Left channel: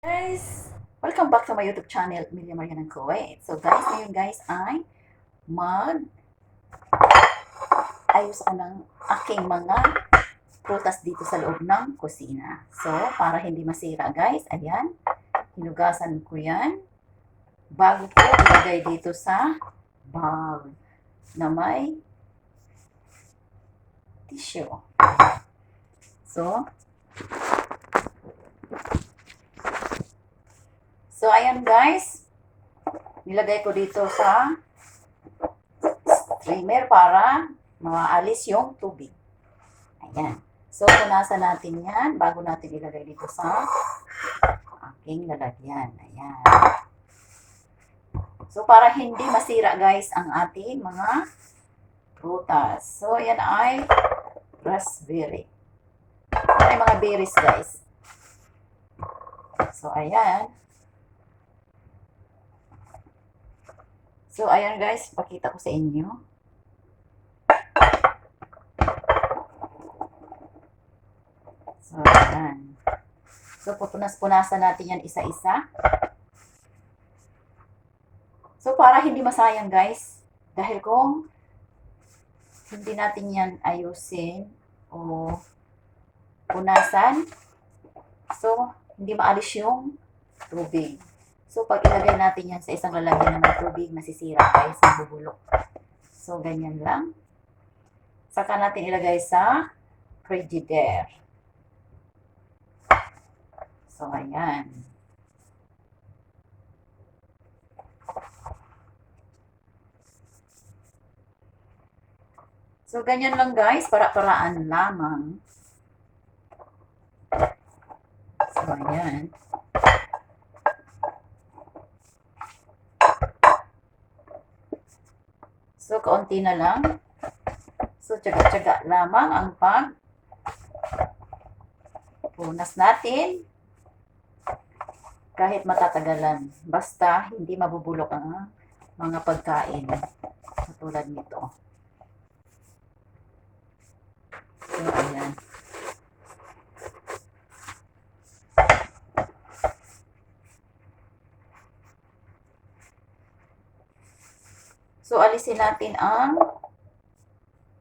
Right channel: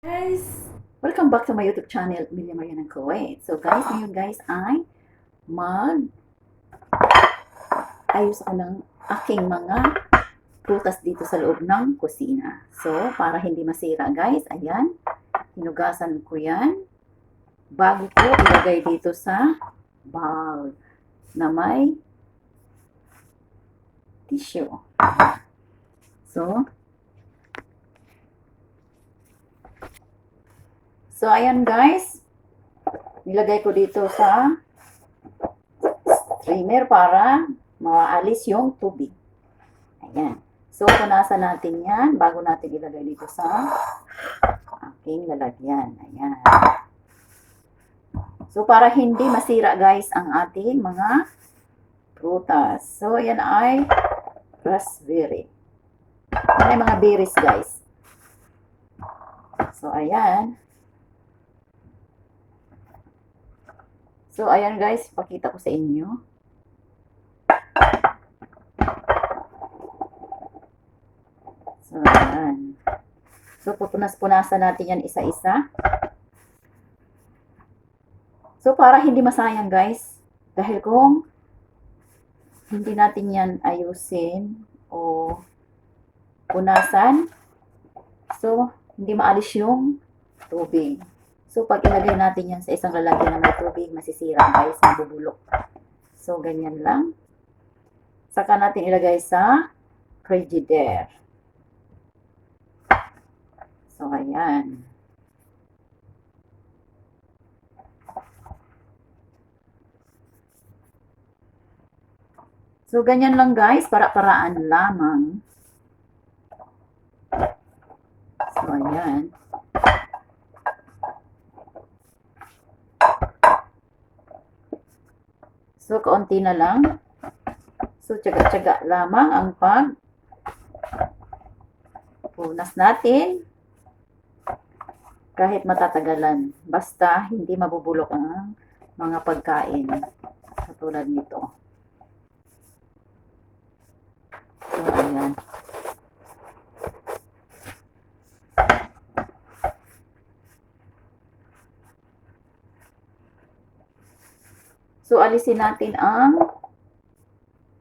Guys, welcome back to my YouTube channel, Milia Maria ng Kuwait. So guys, ngayon guys ay mag ayos ako ng aking mga prutas dito sa loob ng kusina. So, para hindi masira guys, ayan, hinugasan ko yan bago ko ilagay dito sa bowl na may tissue. So, So, ayan guys. Nilagay ko dito sa streamer para maalis yung tubig. Ayan. So, punasan natin yan bago natin ilagay dito sa aking lalagyan. Ayan. So, para hindi masira guys ang ating mga prutas. So, yan ay raspberry. Yan ay mga berries guys. So, ayan. So, ayan guys, pakita ko sa inyo. So, ayan. So, pupunas-punasan natin yan isa-isa. So, para hindi masayang guys, dahil kung hindi natin yan ayusin o punasan, so, hindi maalis yung tubig. So, pag ilagay natin yan sa isang lalagyan na may tubig, masisira guys, mabubulok. So, ganyan lang. Saka natin ilagay sa frigidaire. So, ayan. So, ganyan lang guys, para-paraan lamang. So, ayan. So, kaunti na lang. So, tsaga-tsaga lamang ang pag punas natin kahit matatagalan. Basta, hindi mabubulok ang mga pagkain. Katulad nito. So, ayan. So, alisin natin ang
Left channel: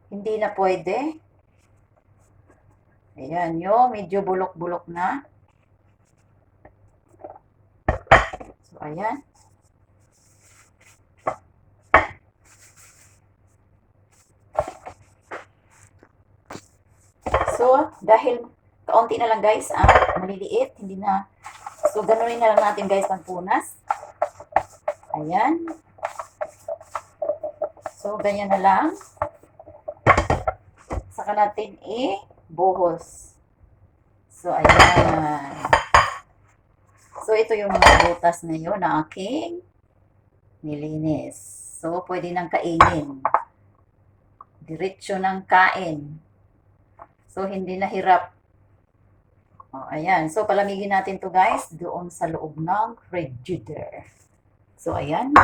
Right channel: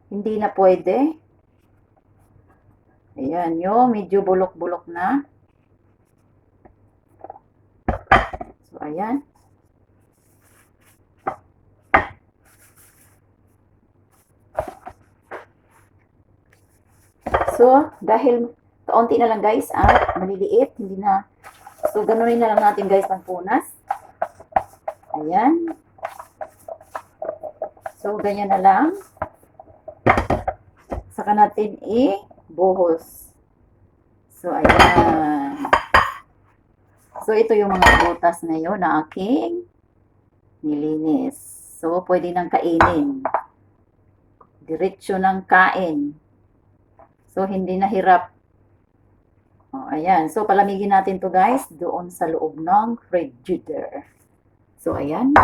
hindi na pwede. Ayan, yung medyo bulok-bulok na. So, ayan. So, dahil kaunti na lang guys, at maliliit, hindi na. So, ganunin na lang natin guys pagpunas. Ayan. So, ganyan na lang. Saka natin i-buhos. So, ayan. So, ito yung mga butas ngayon na aking nilinis. So, pwede nang kainin. Diretso ng kain. So, hindi nahirap. O, ayan. So, palamigin natin to guys doon sa loob ng frigidaire. So, ayan.